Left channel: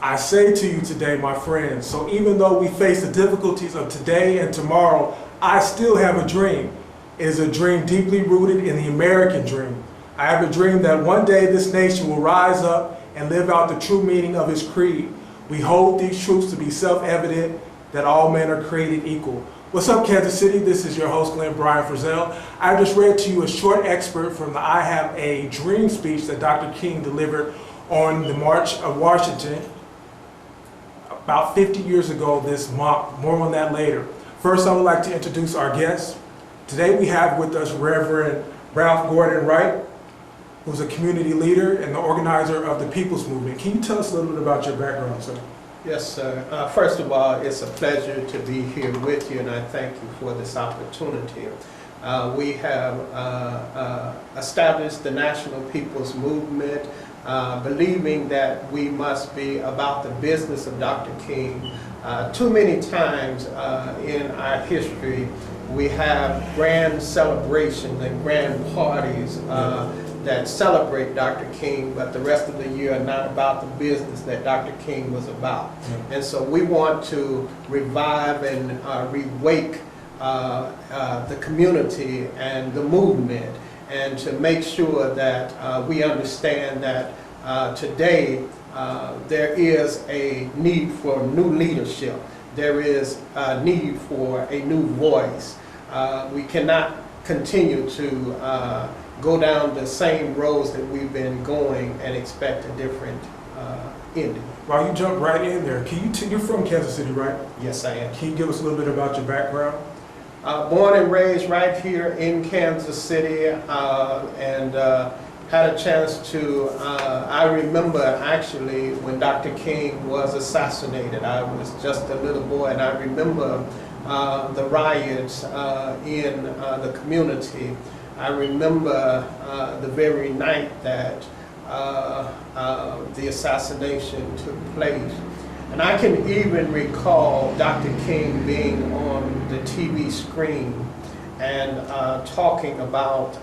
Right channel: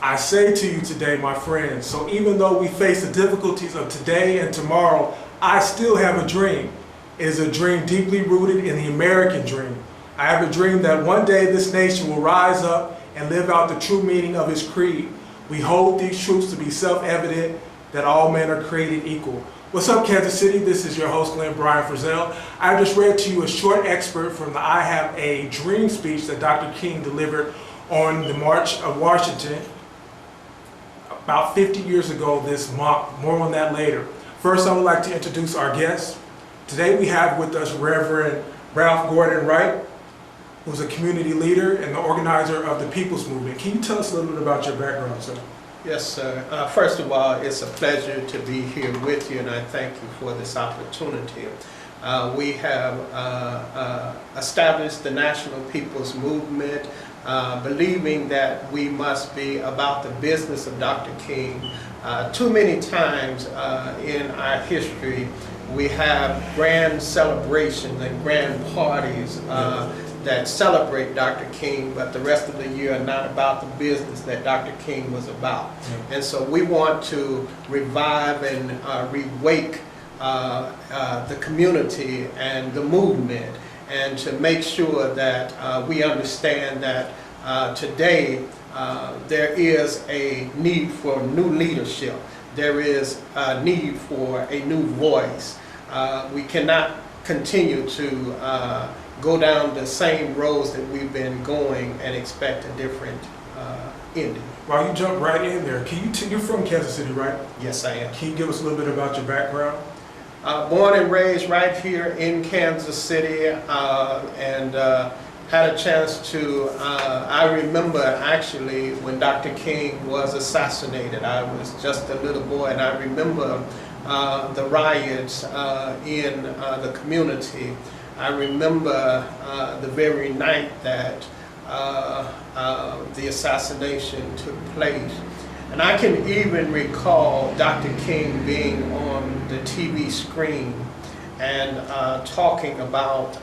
I say to you today, my friends, so even though we face the difficulties of today and tomorrow, I still have a dream. It is a dream deeply rooted in the American dream. I have a dream that one day this nation will rise up and live out the true meaning of its creed. We hold these truths to be self-evident, that all men are created equal. What's up, Kansas City? This is your host, Brian Frizell. I just read to you a short excerpt from the I Have a Dream speech that Dr. King delivered on the March of Washington about 50 years ago this month. More on that later. First, I would like to introduce our guest. Today we have with us Reverend Ralph Gordon Wright, who's a community leader and the organizer of the People's Movement. Can you tell us a little bit about your background, sir? Yes, sir. First of all, it's a pleasure to be here with you, and I thank you for this opportunity. We have established the National People's Movement, believing that we must be about the business of Dr. King. Too many times in our history, we have grand celebrations and grand parties that celebrate Dr. King, but the rest of the year are not about the business that Dr. King was about. And so we want to revive and rewake the community and the movement, and to make sure that we understand that today there is a need for new leadership. There is a need for a new voice. We cannot continue to go down the same roads that we've been going and expect a different ending. Well, you jumped right in there. You're from Kansas City, right? Yes, I am. Can you give us a little bit about your background? Born and raised right here in Kansas City, and had a chance to, I remember actually when Dr. King was assassinated. I was just a little boy, and I remember the riots in the community. I remember the very night that the assassination took place. And I can even recall Dr. King being on the TV screen and talking about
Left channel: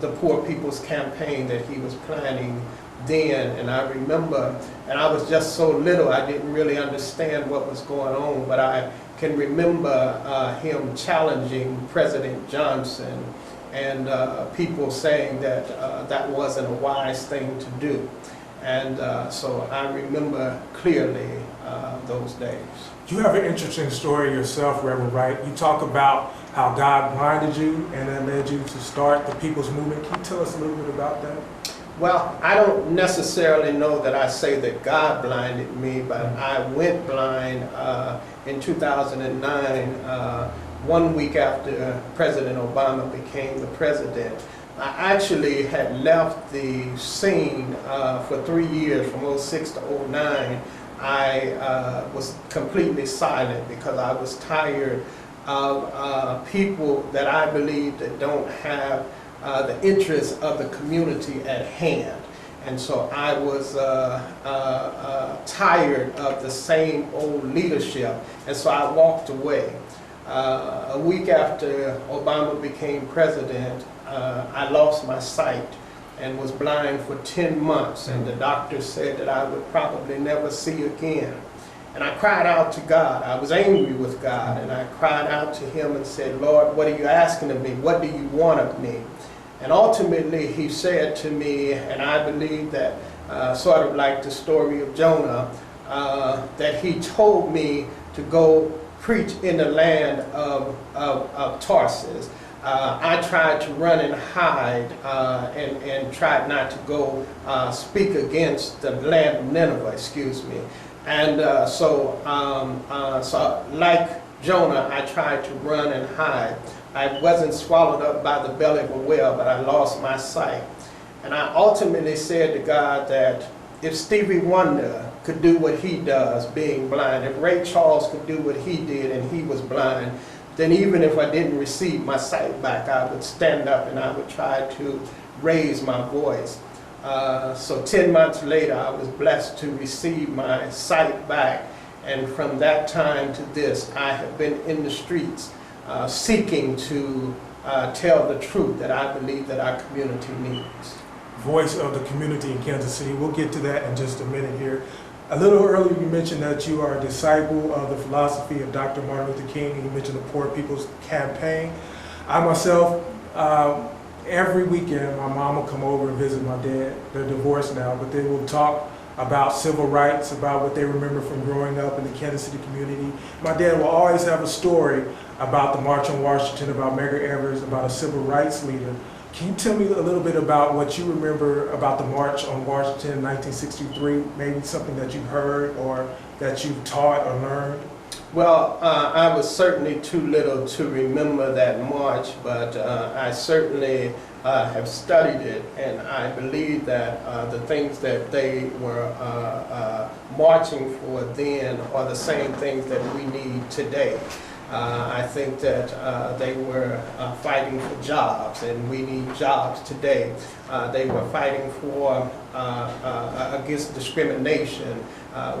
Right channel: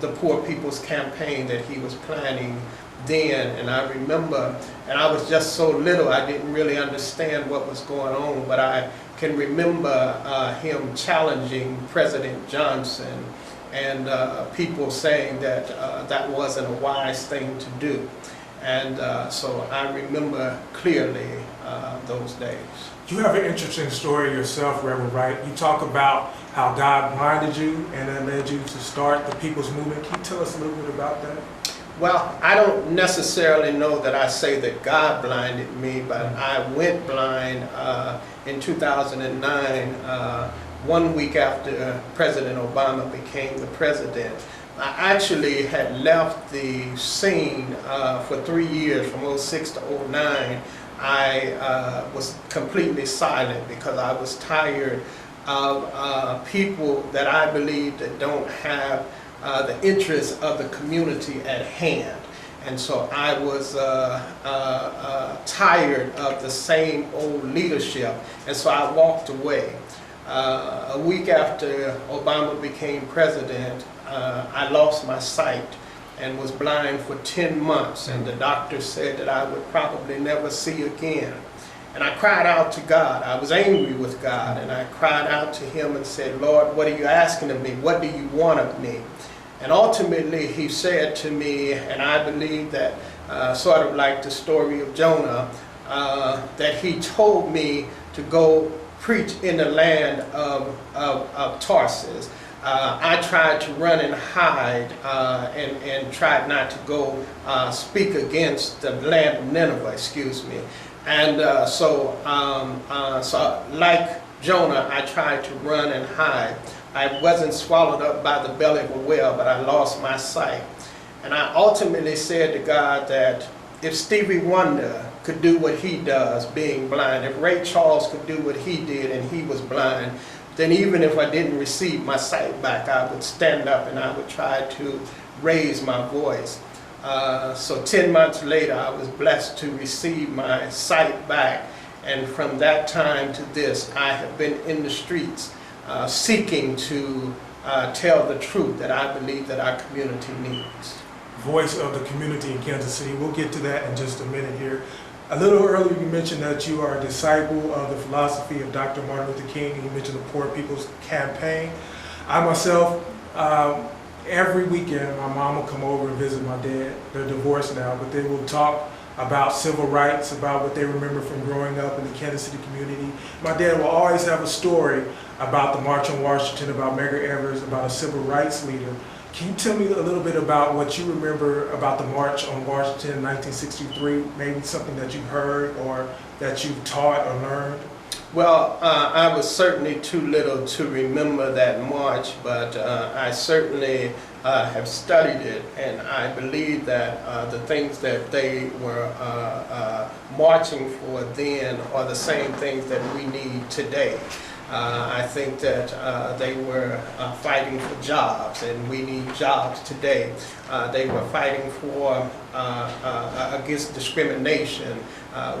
the Poor People's Campaign that he was planning then. And I remember, and I was just so little, I didn't really understand what was going on, but I can remember him challenging President Johnson, and people saying that that wasn't a wise thing to do. And so I remember clearly those days. You have an interesting story yourself, Reverend Wright. You talk about how God blinded you and that led you to start the People's Movement. Can you tell us a little bit about that? Well, I don't necessarily know that I say that God blinded me, but I went blind in 2009, 1 week after President Obama became the president. I actually had left the scene for 3 years, from 06 to 09. I was completely silent because I was tired of people that I believe that don't have the interests of the community at hand. And so I was tired of the same old leadership, and so I walked away. A week after Obama became president, I lost my sight and was blind for 10 months, and the doctor said that I would probably never see again. And I cried out to God. I was angry with God, and I cried out to him and said, Lord, what are you asking of me? What do you want of me? And ultimately he said to me, and I believe that sort of like the story of Jonah, that he told me to go preach in the land of Tarsus. I tried to run and hide and tried not to go speak against the land of Nineveh, excuse me. And so like Jonah, I tried to run and hide. I wasn't swallowed up by the belly of a whale, but I lost my sight. And I ultimately said to God that if Stevie Wonder could do what he does, being blind, if Ray Charles could do what he did and he was blind, then even if I didn't receive my sight back, I would stand up and I would try to raise my voice. So 10 months later, I was blessed to receive my sight back. And from that time to this, I have been in the streets seeking to tell the truth that I believe that our community needs. Voice of the community in Kansas City. We'll get to that in just a minute here. A little earlier you mentioned that you are a disciple of the philosophy of Dr. Martin Luther King, and you mentioned the Poor People's Campaign. I myself, every weekend my mom will come over and visit my dad. They're divorced now, but they will talk about civil rights, about what they remember from growing up in the Kansas City community. My dad will always have a story about the March on Washington, about Medgar Evers, about a civil rights leader. Can you tell me a little bit about what you remember about the March on Washington in 1963, maybe something that you've heard or that you've taught or learned? Well, I was certainly too little to remember that march, but I certainly have studied it, and I believe that the things that they were marching for then are the same things that we need today. I think that they were fighting for jobs, and we need jobs today. They were fighting for against discrimination.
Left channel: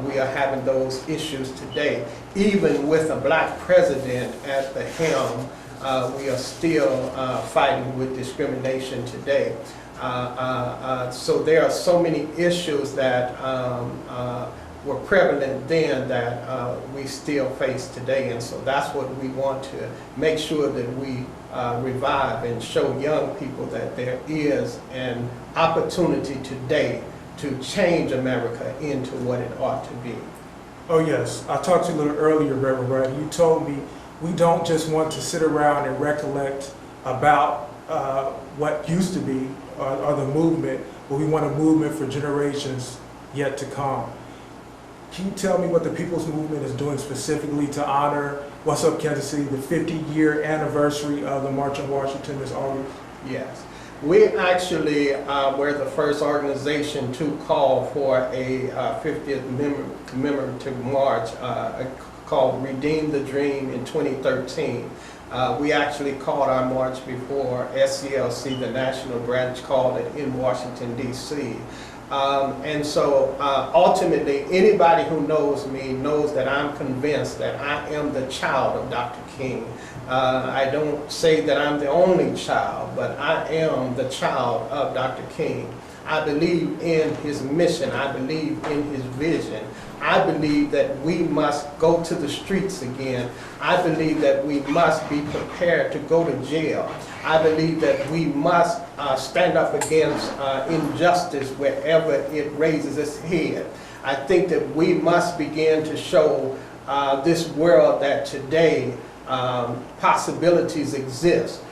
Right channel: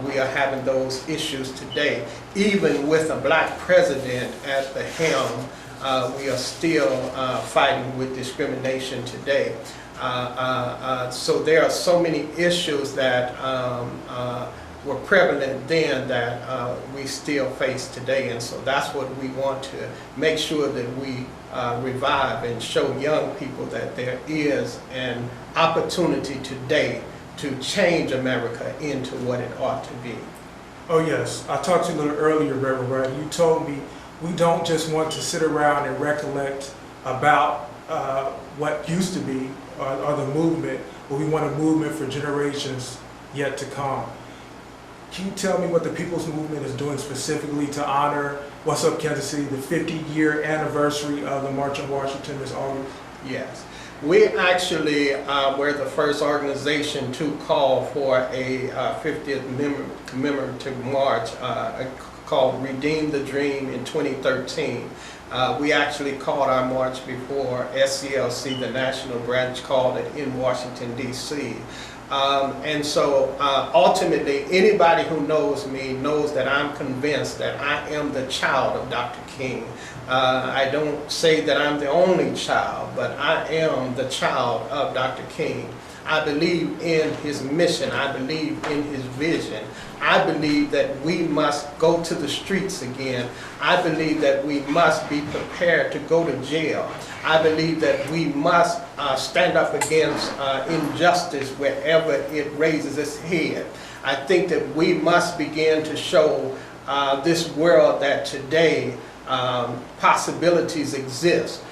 We are having those issues today. Even with a black president at the helm, we are still fighting with discrimination today. So there are so many issues that were prevalent then that we still face today, and so that's what we want to make sure that we revive and show young people that there is an opportunity today to change America into what it ought to be. Oh yes, I talked to you a little earlier, Reverend Wright. You told me we don't just want to sit around and recollect about what used to be or the movement, but we want a movement for generations yet to come. Can you tell me what the People's Movement is doing specifically to honor, what's up Kansas City, the 50-year anniversary of the March on Washington this August? Yes. We actually were the first organization to call for a 50th commemorative march called Redeem the Dream in 2013. We actually called our march before SCLC, the national branch, called it in Washington, D.C. And so ultimately, anybody who knows me knows that I'm convinced that I am the child of Dr. King. I don't say that I'm the only child, but I am the child of Dr. King. I believe in his mission. I believe in his vision. I believe that we must go to the streets again. I believe that we must be prepared to go to jail. I believe that we must stand up against injustice wherever it raises its head. I think that we must begin to show this world that today possibilities exist.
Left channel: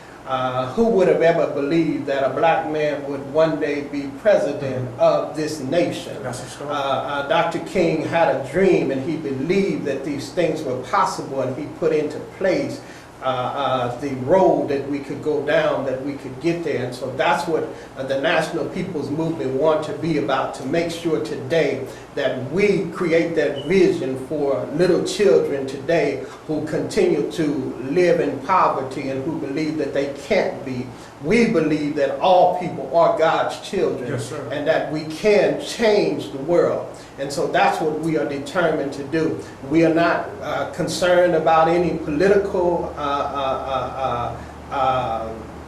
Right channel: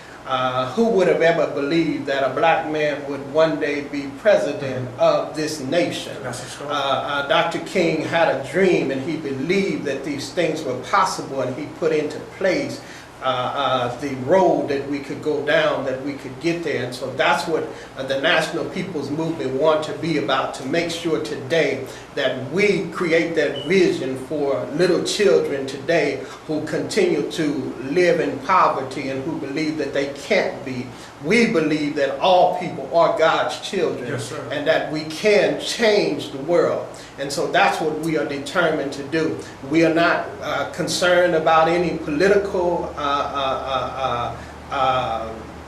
Who would have ever believed that a black man would one day be president of this nation? Dr. King had a dream, and he believed that these things were possible, and he put into place the road that we could go down, that we could get there. And so that's what the National People's Movement want to be about, to make sure today that we create that vision for little children today who continue to live in poverty and who believe that they can't be. We believe that all people are God's children, yes, sir, and that we can change the world. And so that's what we are determined to do. We are not concerned about any political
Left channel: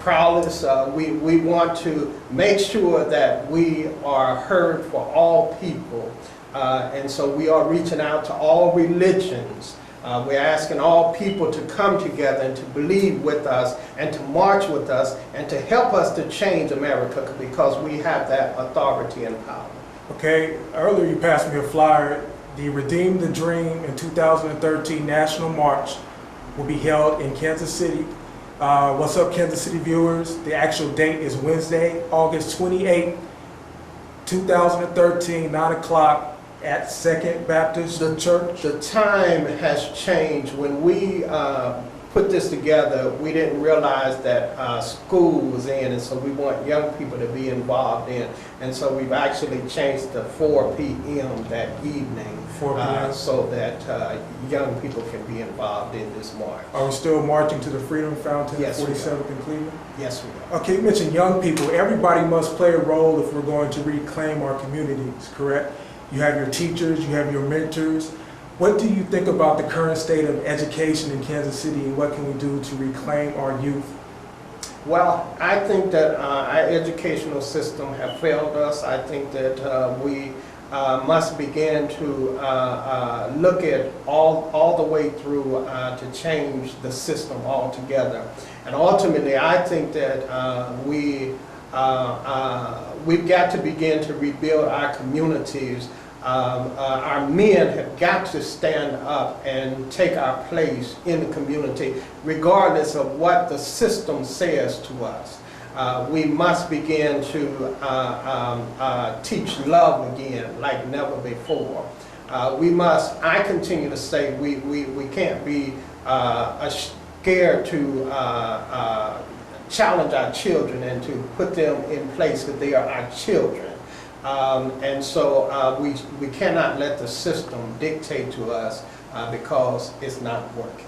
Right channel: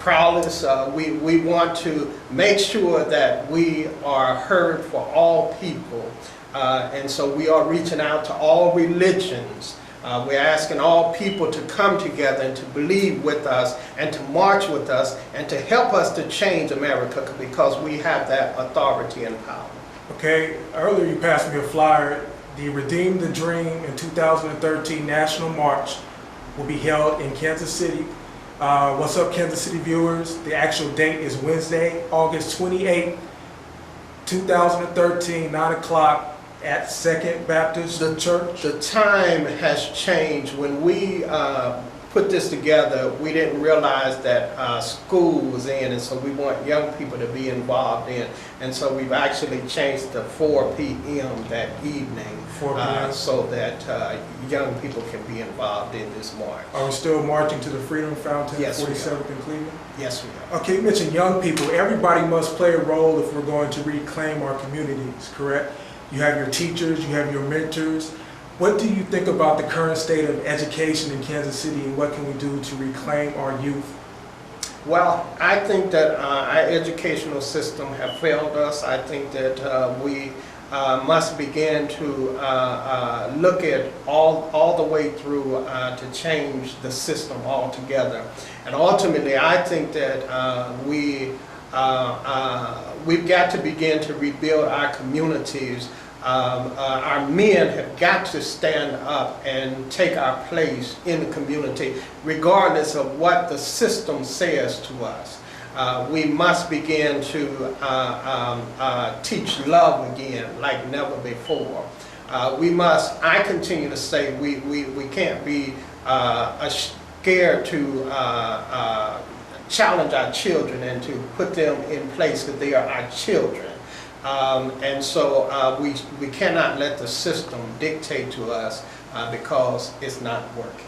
prowess. We want to make sure that we are heard for all people. And so we are reaching out to all religions. We're asking all people to come together and to believe with us and to march with us and to help us to change America, because we have that authority and power. Okay, earlier you passed me a flyer. The Redeem the Dream in 2013 National March will be held in Kansas City. What's up, Kansas City viewers? The actual date is Wednesday, August 28, 2013, 9 o'clock at Second Baptist Church. The time has changed. When we put this together, we didn't realize that school was in, and so we want young people to be involved in. And so we've actually changed to 4 p.m. that evening, 4 p.m. So that young people can be involved in this march. Are we still marching to the Freedom Fountain, Yes, 47th in Cleveland? Yes, we are. Okay, you mentioned young people. Everybody must play a role if we're going to reclaim our communities, correct? You have your teachers, you have your mentors. What do you think about the current state of education in Kansas City, and what can we do to reclaim our youth? Well, I think that our educational system have failed us. I think that we must begin to look at all the way through to change the system altogether. And ultimately, I think that we've got to begin to rebuild our communities. Our men have got to stand up and take our place in the community, regardless of what the system says to us. We must begin to teach love again like never before. I continue to say, we can't be scared to challenge our children and to put them in place because they are our children. And so we cannot let the system dictate to us because it's not working.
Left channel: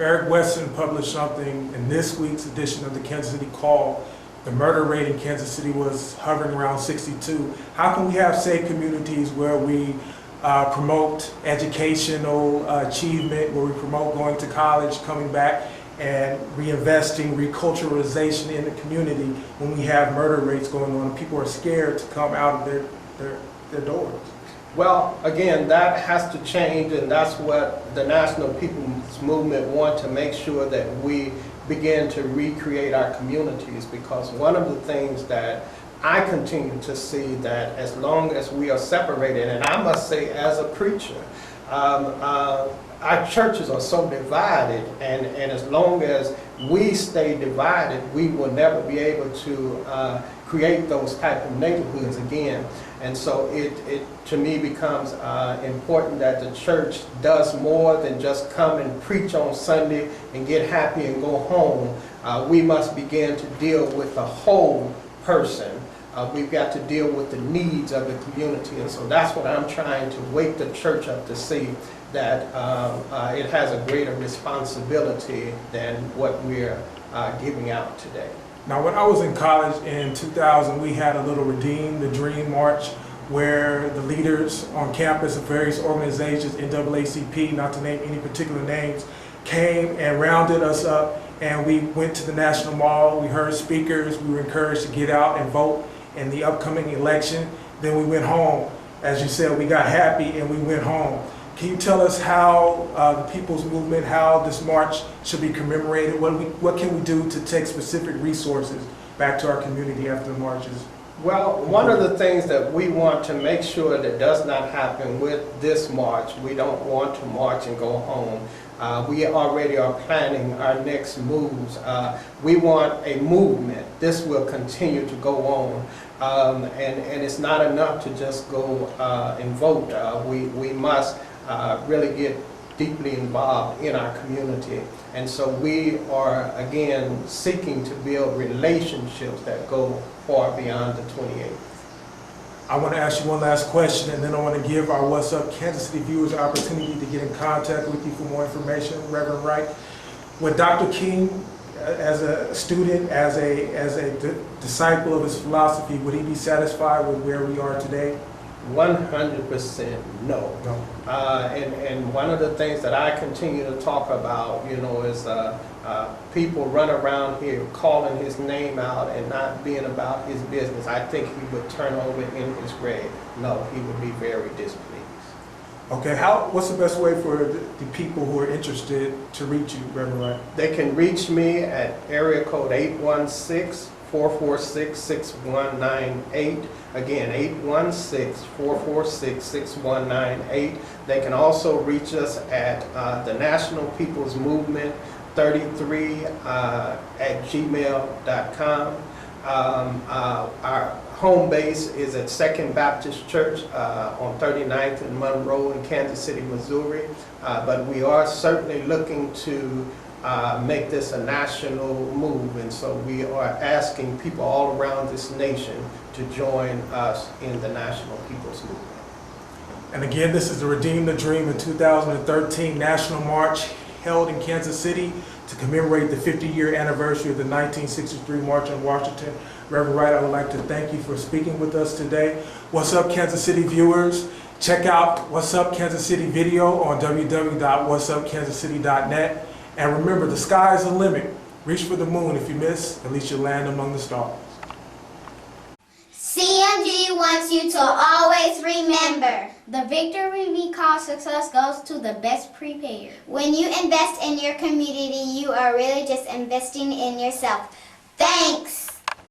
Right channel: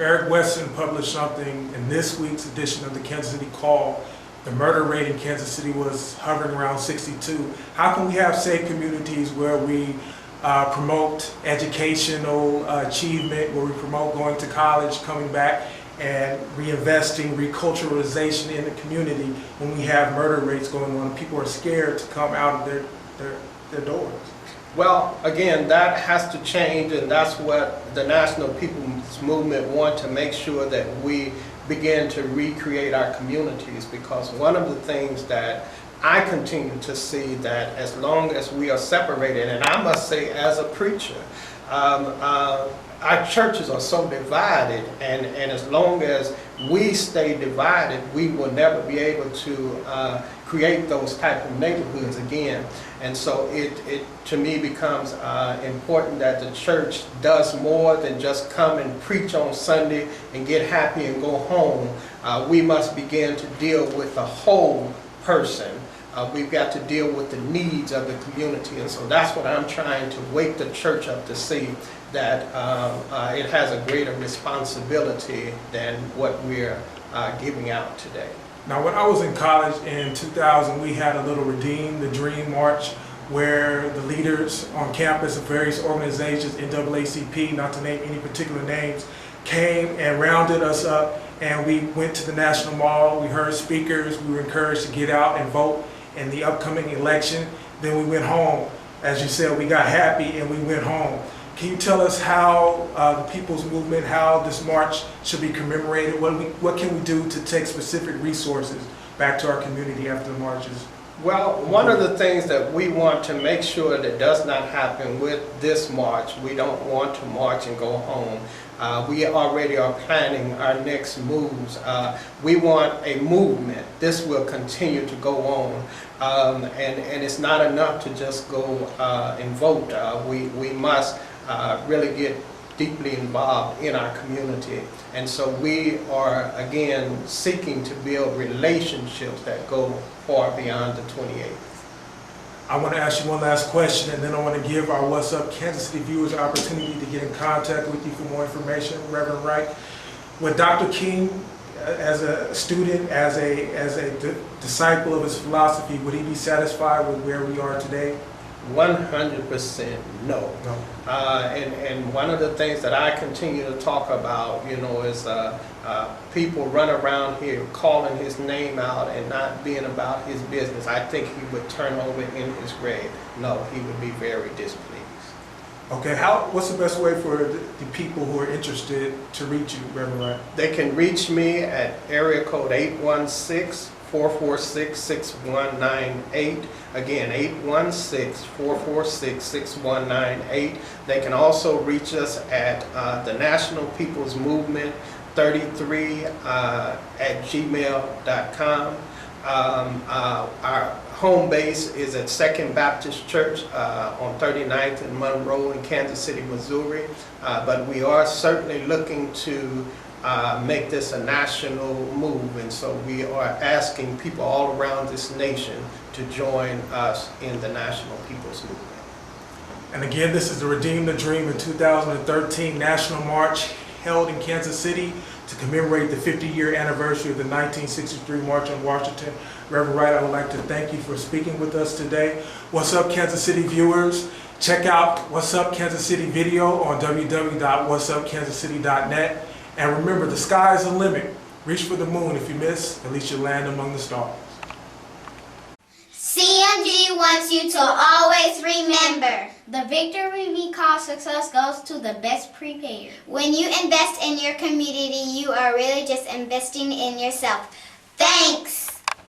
Eric Weston published something in this week's edition of the Kansas City Call. The murder rate in Kansas City was hovering around 62. How can we have safe communities where we promote educational achievement, where we promote going to college, coming back, and reinvesting, reculturalization in the community when we have murder rates going on and people are scared to come out of their doors? Well, again, that has to change, and that's what the National People's Movement want to make sure that we begin to recreate our communities, because one of the things that I continue to see that as long as we are separated, and I must say as a preacher, our churches are so divided, and as long as we stay divided, we will never be able to create those type of neighborhoods again. And so it to me becomes important that the church does more than just come and preach on Sunday and get happy and go home. We must begin to deal with the whole person. We've got to deal with the needs of the community, and so that's what I'm trying to wake the church up to see, that it has a greater responsibility than what we're giving out today. Now, when I was in college in 2000, we had a little Redeem the Dream March where the leaders on campus of various organizations, NAACP, not to name any particular names, came and rounded us up, and we went to the National Mall. We heard speakers. We were encouraged to get out and vote in the upcoming election. Then we went home. As you said, we got happy and we went home. Can you tell us how the People's Movement, how this march should be commemorated? What can we do to take specific resources back to our community after the marches? Well, one of the things that we want to make sure that does not happen with this march, we don't want to march and go home. We already are planning our next moves. We want a movement. This will continue to go on. And it's not enough to just go and vote. We must really get deeply involved in our community. And so we are, again, seeking to build relationships that go far beyond the 28th. I want to ask you one last question, and then I want to give our What's Up Kansas City viewers an opportunity to get in contact with you for more information. Reverend Wright, with Dr. King, as a student, as a disciple of his philosophy, would he be satisfied with where we are today? 100% no. And one of the things that I continue to talk about, is people run around here calling his name out and not being about his business. I think he would turn over in his grave. No, he would be very displeased. Okay, what's the best way for the people who are interested to reach you, Reverend Wright? They can reach me at area code 816-446-6198. Again, 816-446-6198. They can also reach us at the National People's Movement 33 at gmail.com. Our home base is at Second Baptist Church on 39th and Monroe in Kansas City, Missouri. But we are certainly looking to make this a national move, and so we are asking people all around this nation to join us in the National People's Movement. And again, this is the Redeem the Dream in 2013 National March held in Kansas City to commemorate the 50-year anniversary of the 1963 March on Washington. Reverend Wright, I would like to thank you for speaking with us today. What's Up Kansas City viewers? Check out What's Up Kansas City video on www.whatsupkansascity.net. And remember, the sky's the limit. Reach for the moon. If you miss, at least you'll land among the stars. CMG wants you to always remember, the victory we call success goes to the best prepared. When you invest in your community, you are really just investing in yourself. Thanks!